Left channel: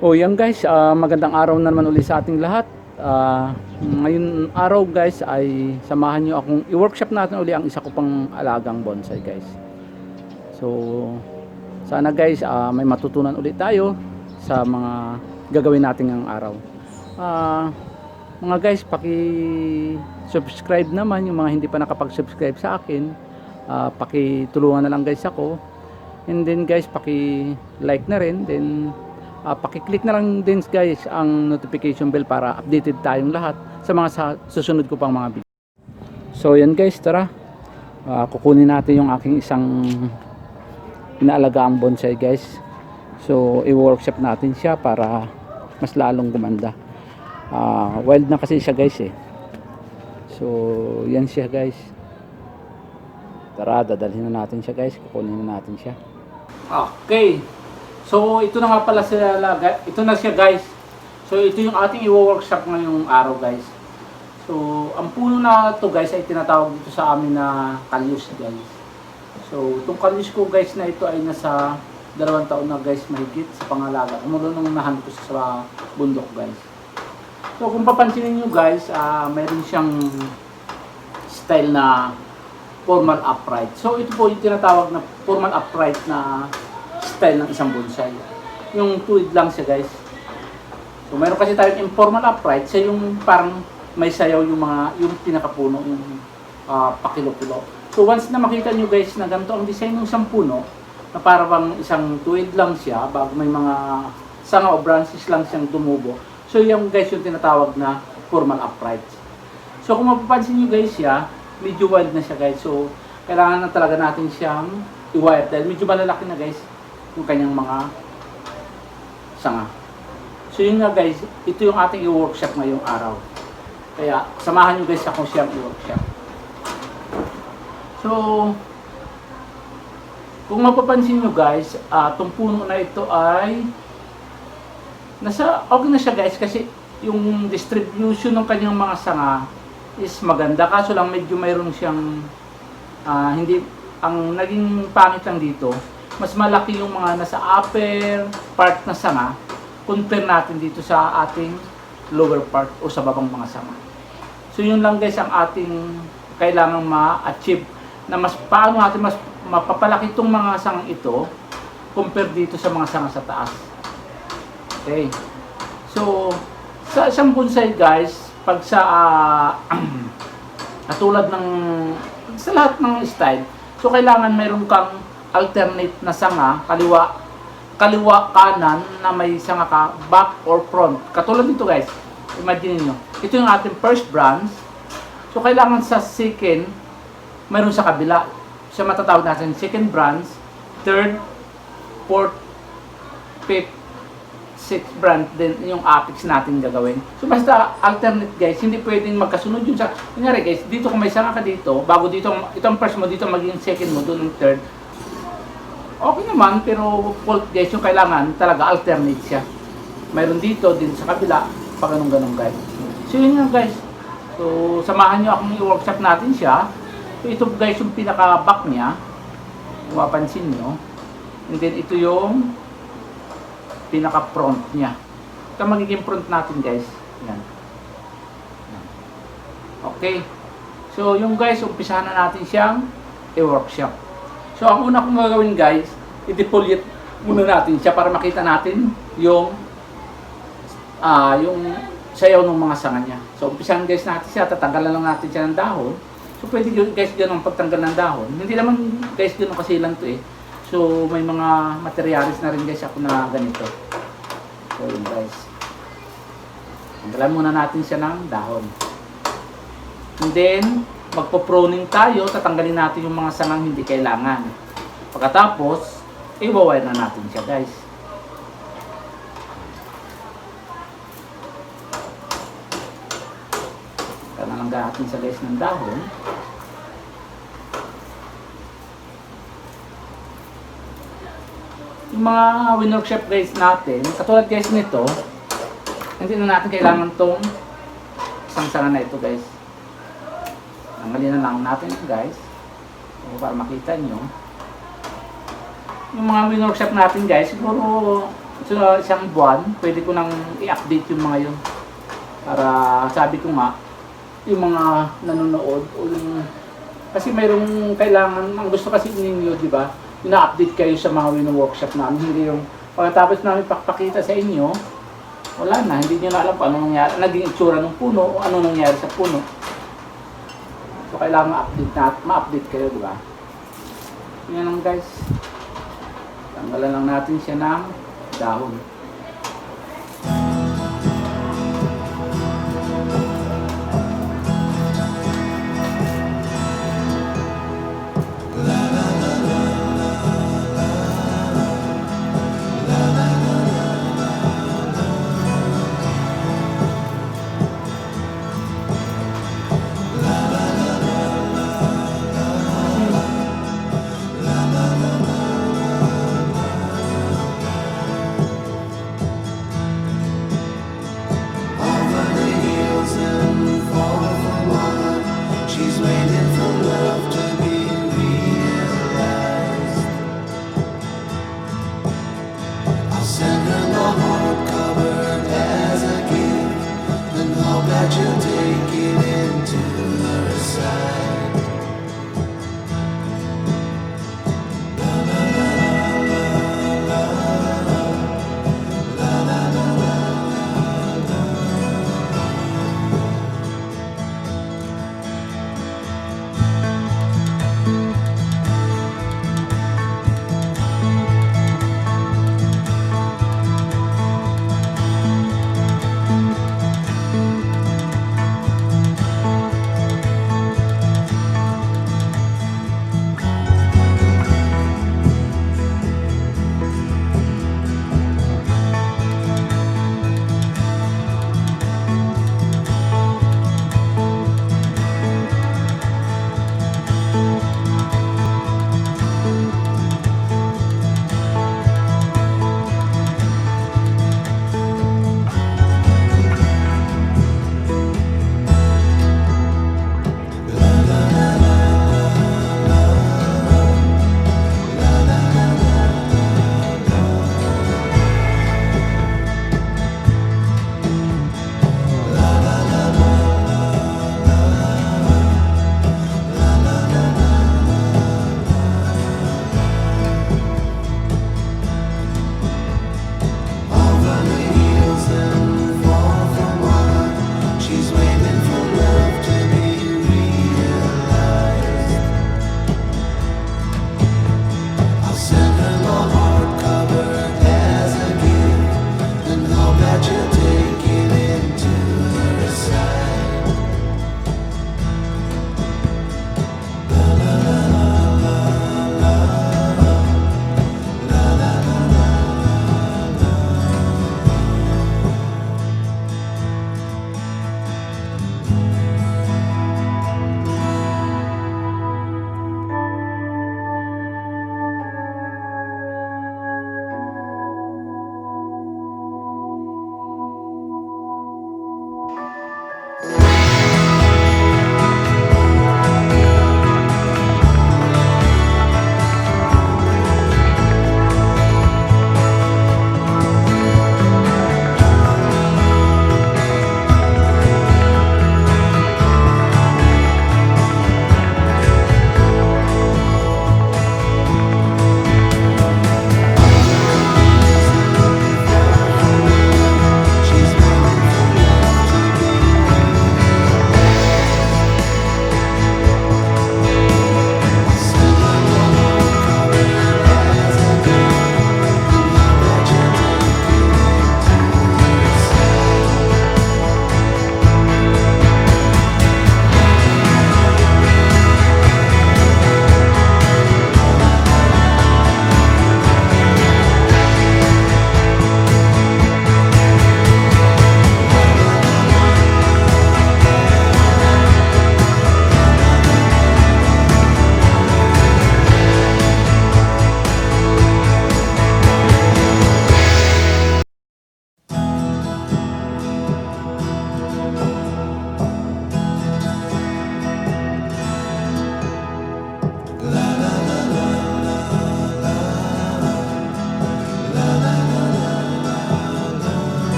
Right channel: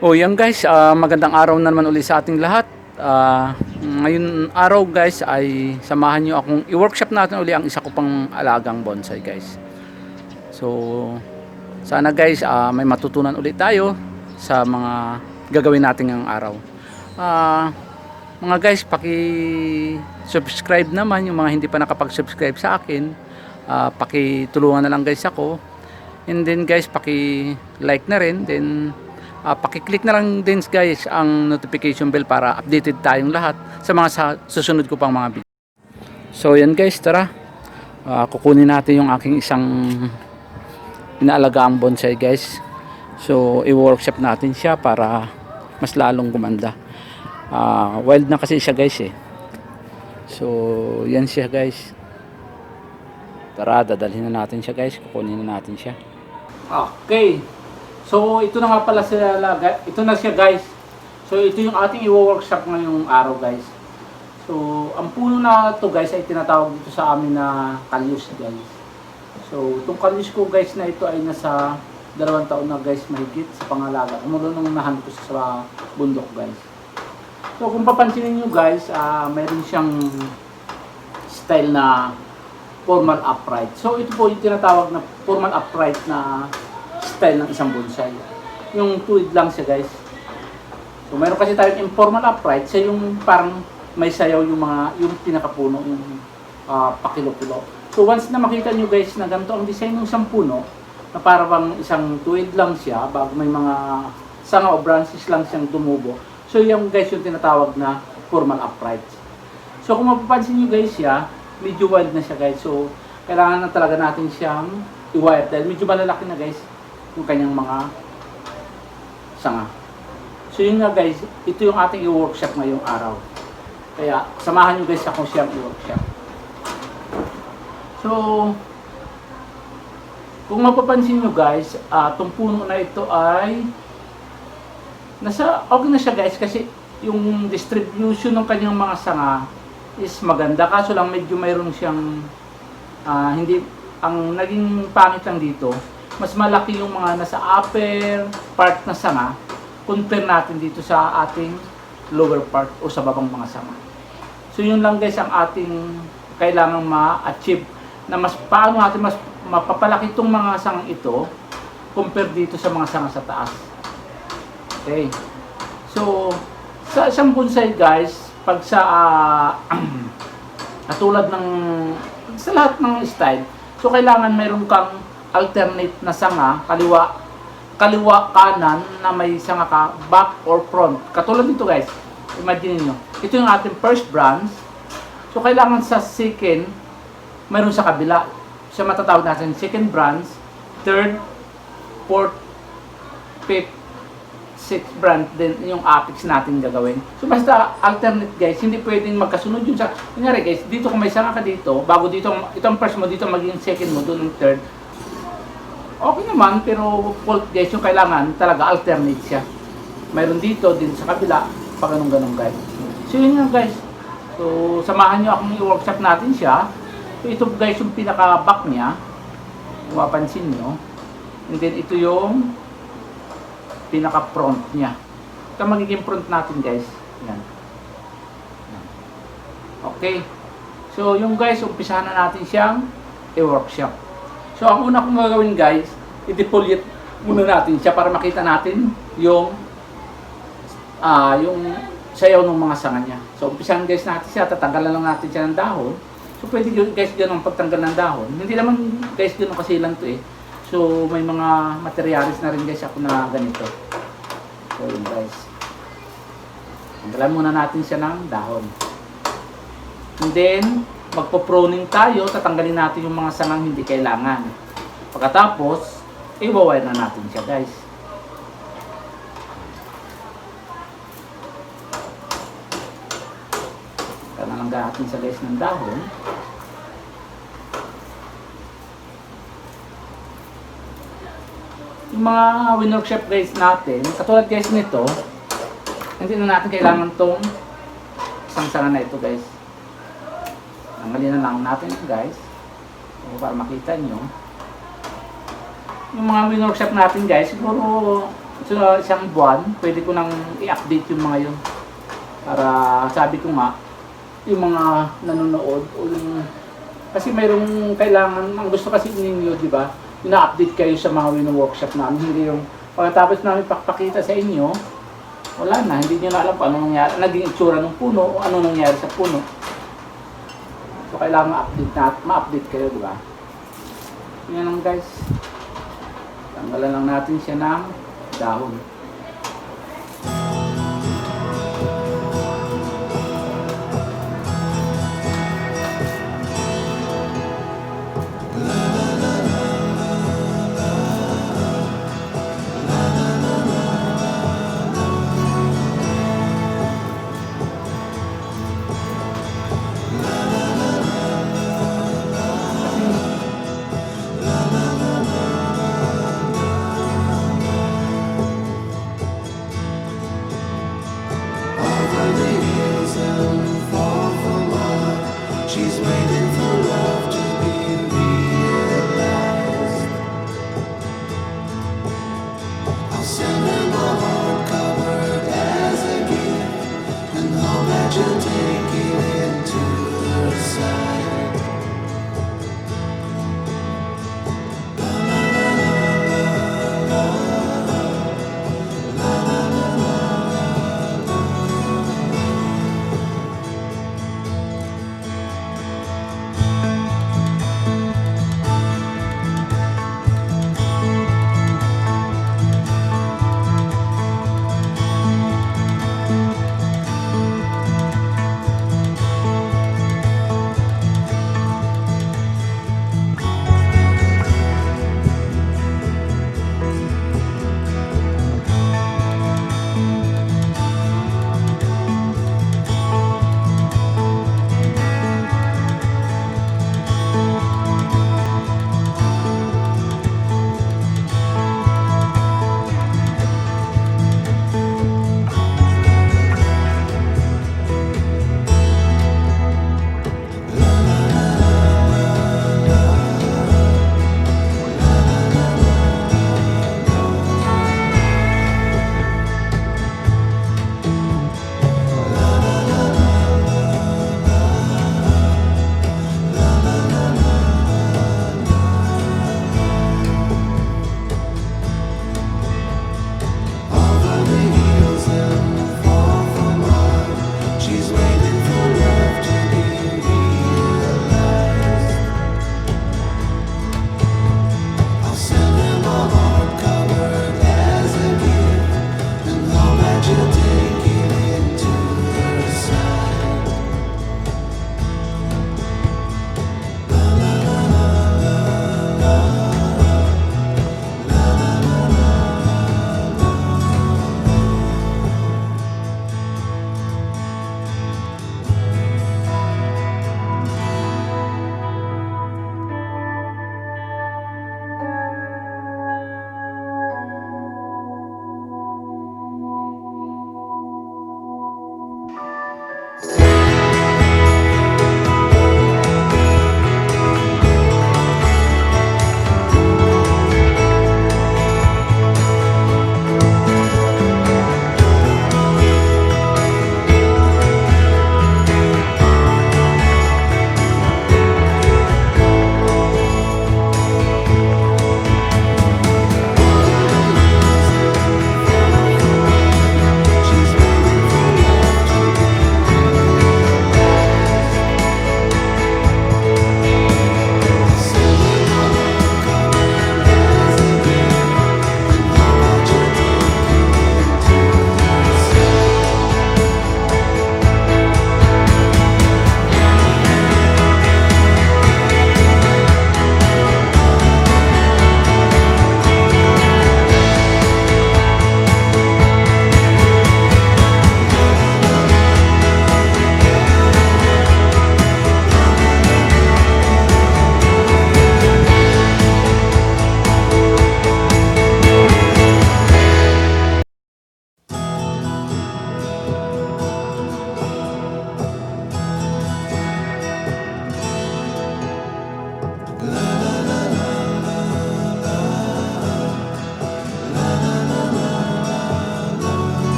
O yan guys, magandang araw na naman ulit sa ating lahat. Ngayon araw guys ay samahan nyo akong i-workshop natin ulit ang isa ko pang alagang bonsai guys. So sana guys may matutunan ulit tayo sa mga gagawin natin ngayong araw. Mga guys, paki-subscribe naman yung mga hindi pa nakapag-subscribe sa akin. Paki-tulungan na lang guys ako. And then guys, paki-like na rin. Then paki-click na lang din guys ang notification bell para updated tayong lahat sa mga susunod ko pang mga video. So yan guys, tara. Kukunin natin yung aking isang inaalagaang bonsai guys. So i-workshop natin siya para mas lalong gumanda. Wild na kasi siya guys eh. So yan siya guys. Tara, dadalhin na natin siya guys. Kukunin na natin siya. Okay. So ito na nga pala ito na siya guys. So ito yung ating i-workshop ngayong araw guys. So ang puno na to guys ay tinatawag dito sa amin na kalyus guys. So itong kalyus ko guys na ito ay nasa 2 taon na guys mahigit sa pangalaga. Umulo nung nahan ko sa bundok guys. So kung papansinin nyo guys, mayroon siyang style na formal upright. So ito po yung tinatawag na formal upright na style ng isang bonsai. Yung tuwid lang siya guys. So mayroon kasi tayong informal upright, siya yung parang may sayaw yung pinakapuno, yung pakilo-kilo. So once na makita nyo guys na ganito ang design ng isang puno, na parang isang tuwid lang siya bago may mga sanga o branches lang siyang tumubo. So yung guys yung tinatawag na formal upright. So kung mapapansin nyo guys siya, medyo wild na siya guys. So kailangan na talaga natin siyang i-wire dahil medyo malalaki na guys yung kanyang mga sanga. So yun nga guys, ito yung ating i-workshop ngayong araw. Kaya samahan nyo guys ako siyang i-workshop. So kung mapapansin nyo guys, itong puno na ito ay okay na siya guys kasi yung distribution ng kanyang mga sanga is maganda. Kaso lang medyo mayroon siyang hindi, ang naging pangit lang dito, mas malaki yung mga nasa upper part na sanga compare natin dito sa ating lower part o sa babang mga sanga. So yun lang guys ang ating kailangang ma-achieve na mas paano natin mas mapapalaki itong mga sangang ito compare dito sa mga sanga sa taas. Okay. So sa isang bonsai guys, pag sa katulad ng sa lahat ng style, so kailangan mayroon kang alternate na sanga, kaliwa kanan na may sanga ka back or front. Katulad nito guys, imagine niyo. Ito yung ating first branch. So kailangan sa second mayroon sa kabila. So matatawag natin second branch, third, fourth, fifth, sixth branch din yung apex natin gagawin. So basta alternate guys, hindi pwedeng magkasunod yun sa kunyari guys, dito kung may sanga ka dito, bago dito itong first mo dito maging second mo, doon yung third. Okay naman, pero fault guys, yung kailangan talaga alternate siya. Mayroon dito, din sa kabila, pag ganun guys. So yun nga guys. So samahan nyo akong i-workshop natin siya. So ito guys yung pinaka-back niya. Kung mapansin nyo. And then ito yung pinaka-front niya. Ito magiging front natin guys. Yan. Okay. So yung guys, umpisahan na natin siyang i-workshop. So ang una kong gagawin guys, i-defoliate muna natin siya para makita natin yung sayaw ng mga sanga niya. So umpisahan guys natin siya, tatanggalan lang natin siya ng dahon. So pwede guys ganun pagtanggal ng dahon. Hindi naman guys ganun kasi lang to eh. So may mga materialis na rin guys ako na ganito. So yun guys. Tanggalan muna natin siya ng dahon. And then magpo-pruning tayo, tatanggalin natin yung mga sangang hindi kailangan. Pagkatapos, i-wire na natin siya guys. Kanalangga natin sa guys ng dahon. Yung mga workshop guys natin, katulad guys nito, hindi na natin kailangan tong isang sanga na ito guys. Tanggalin na lang natin guys. So, para makita nyo. Yung mga workshop natin guys, siguro So, isang buwan, pwede ko nang i-update yung mga yun. Para sabi ko nga, yung mga nanonood o yung kasi mayroong kailangan, ang gusto kasi ninyo, di ba? Ina-update kayo sa mga wino-workshop namin, hindi yung pagkatapos namin pakita sa inyo, wala na, hindi nyo na alam kung ano nangyari, naging itsura ng puno, o ano nangyari sa puno. So kailangan ma-update kayo, di ba? Yan lang guys. Tanggalan lang natin siya ng dahon. She's waiting for love to be realized. I'll send her my heart covered as a gift, and hope that you'll take it into her side. La la la la la la la la la la la.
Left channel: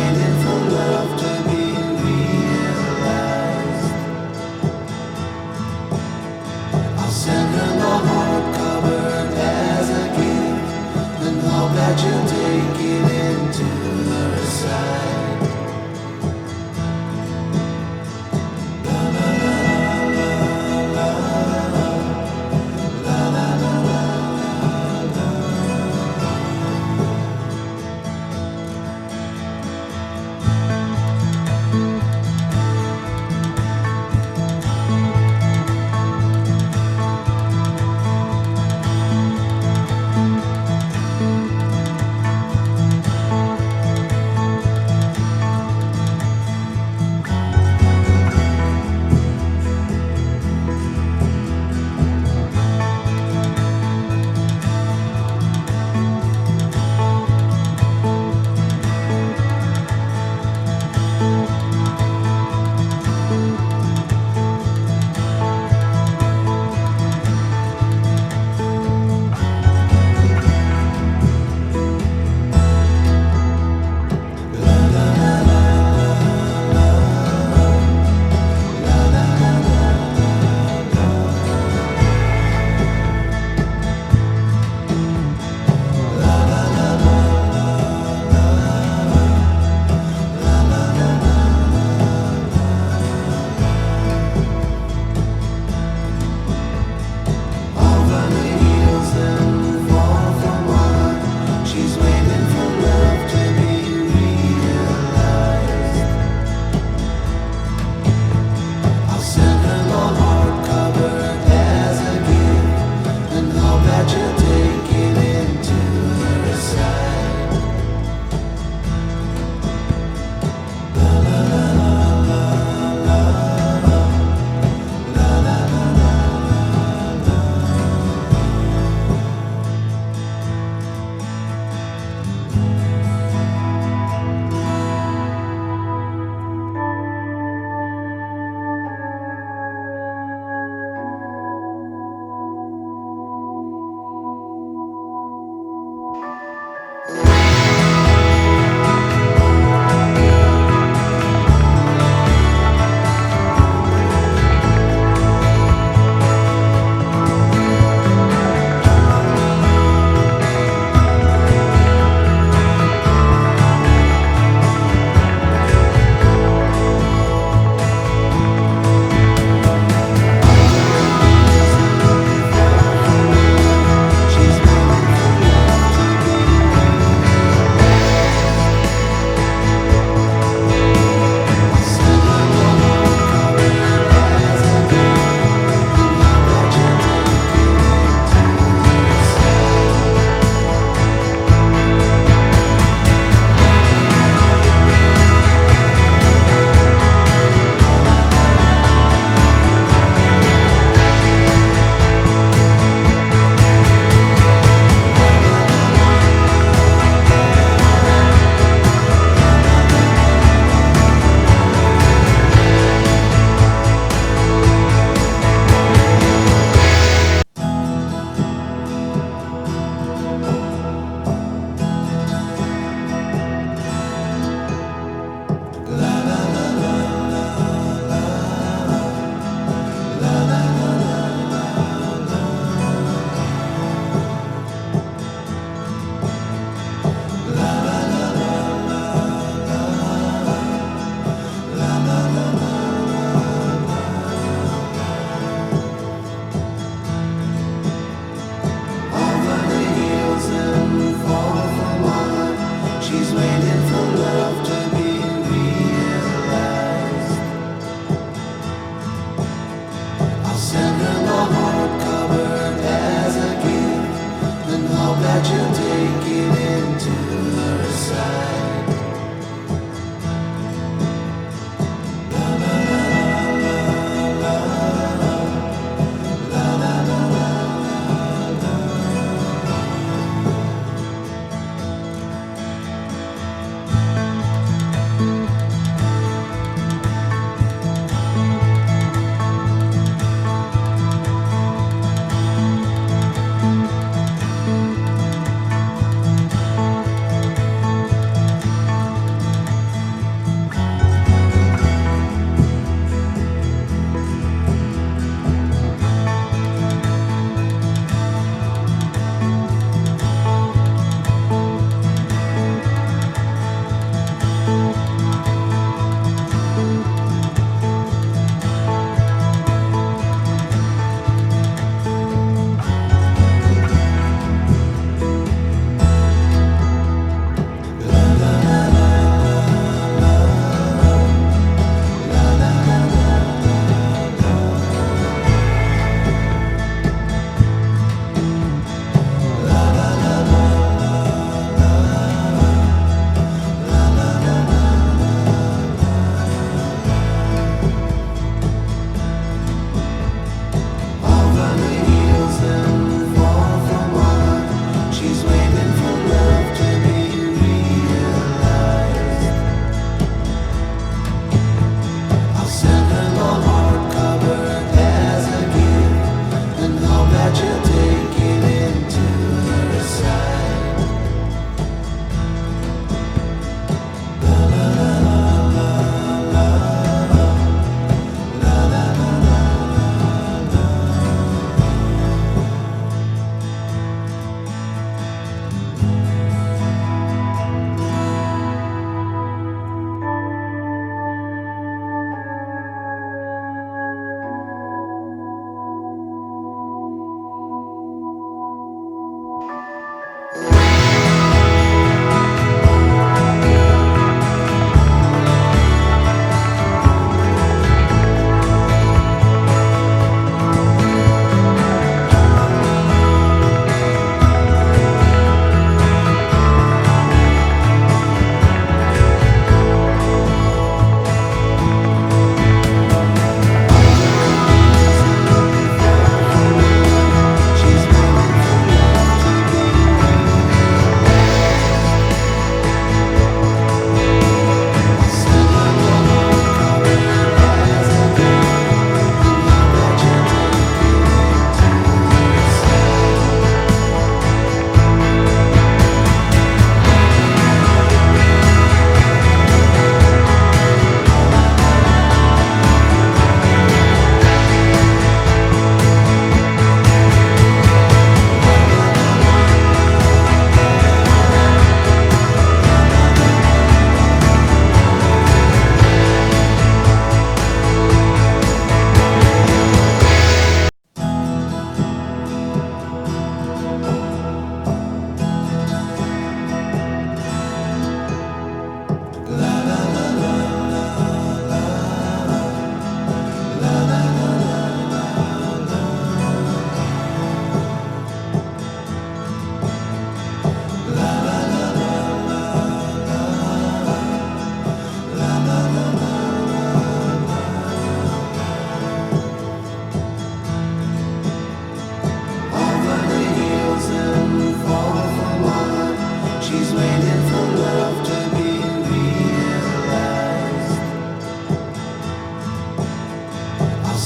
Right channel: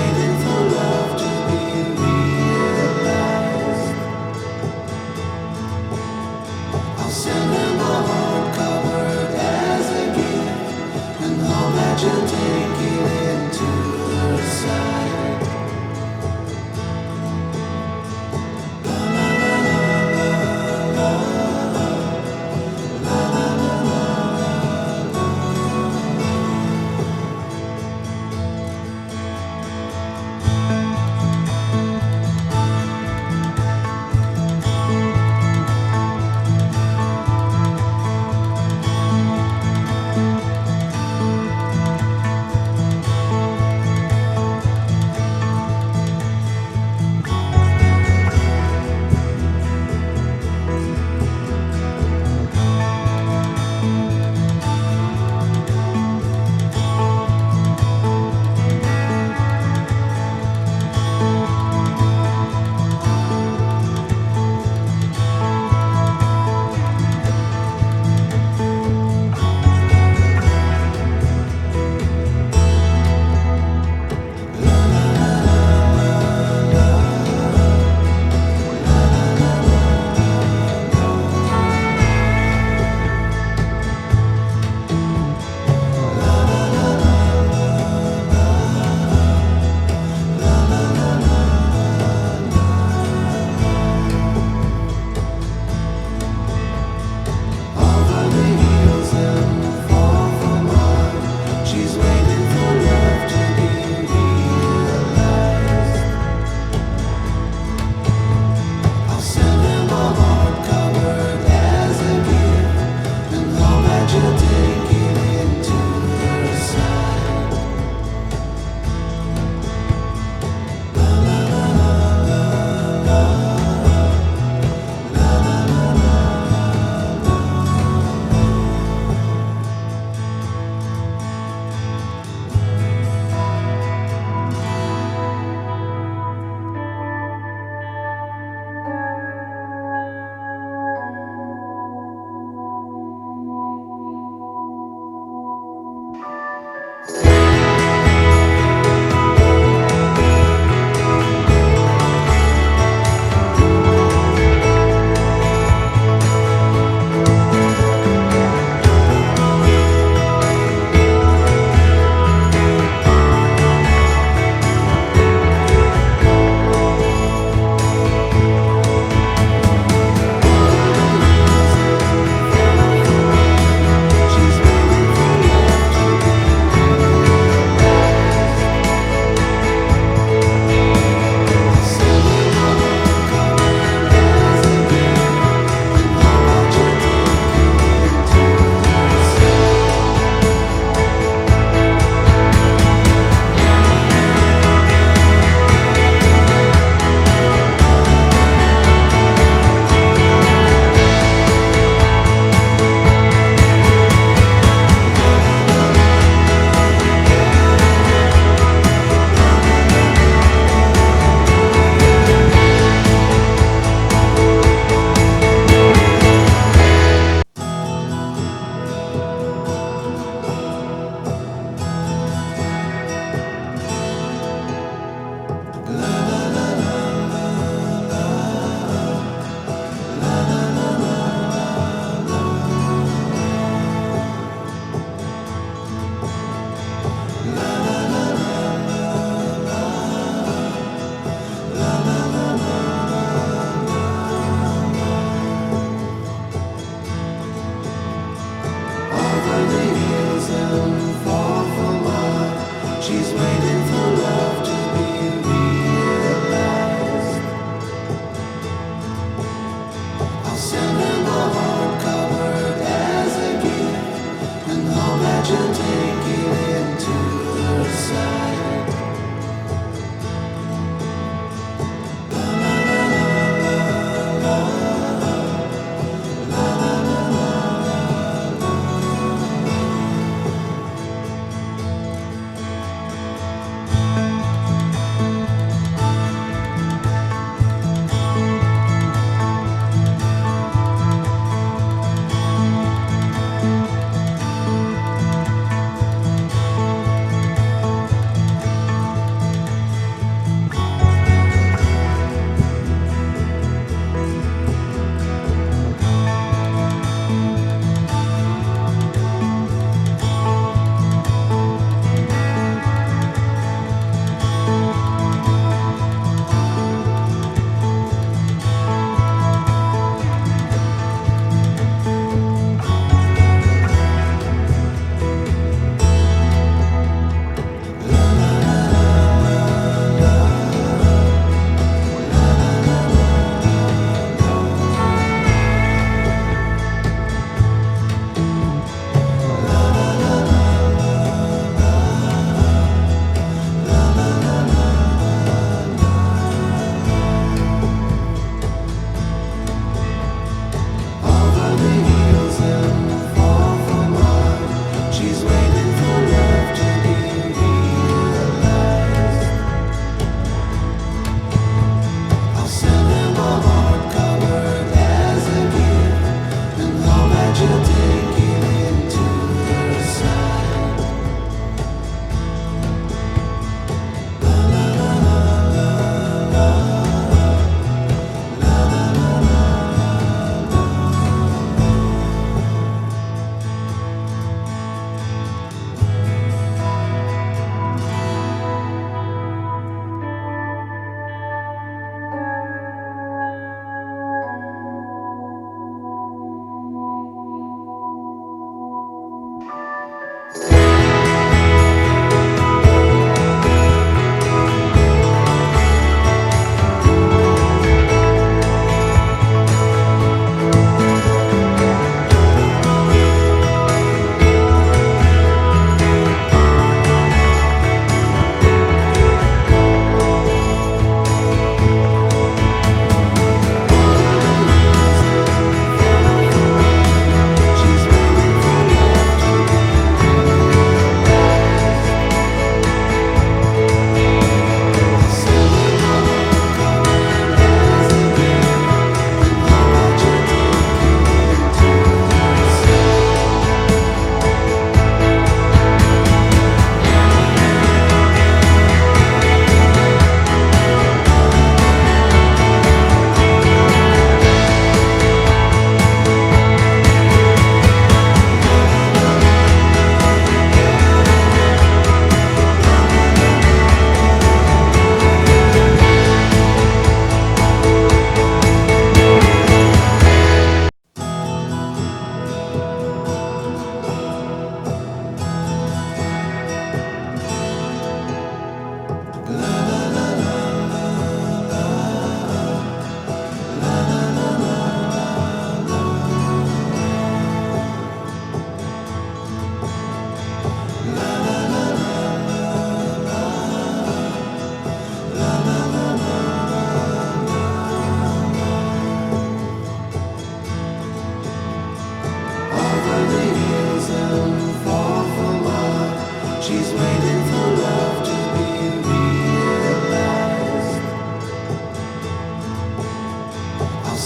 waiting for love to be realized. I'll send her my heart covered as a gift, and hope that you'll take it into her side.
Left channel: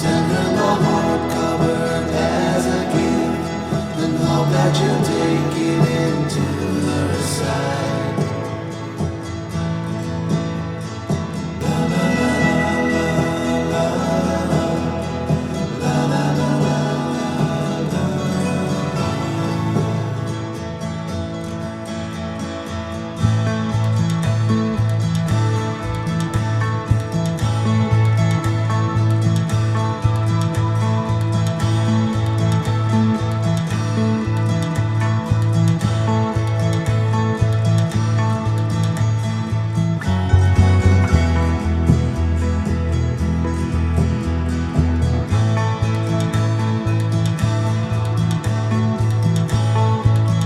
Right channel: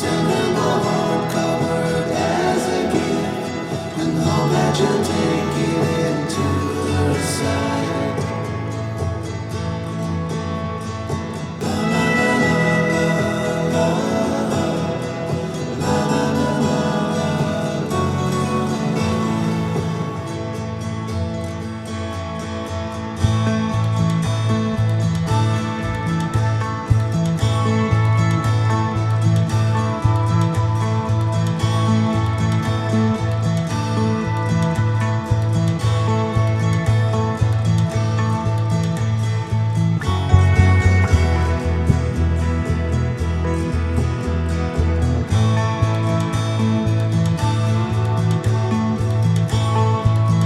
send her my heart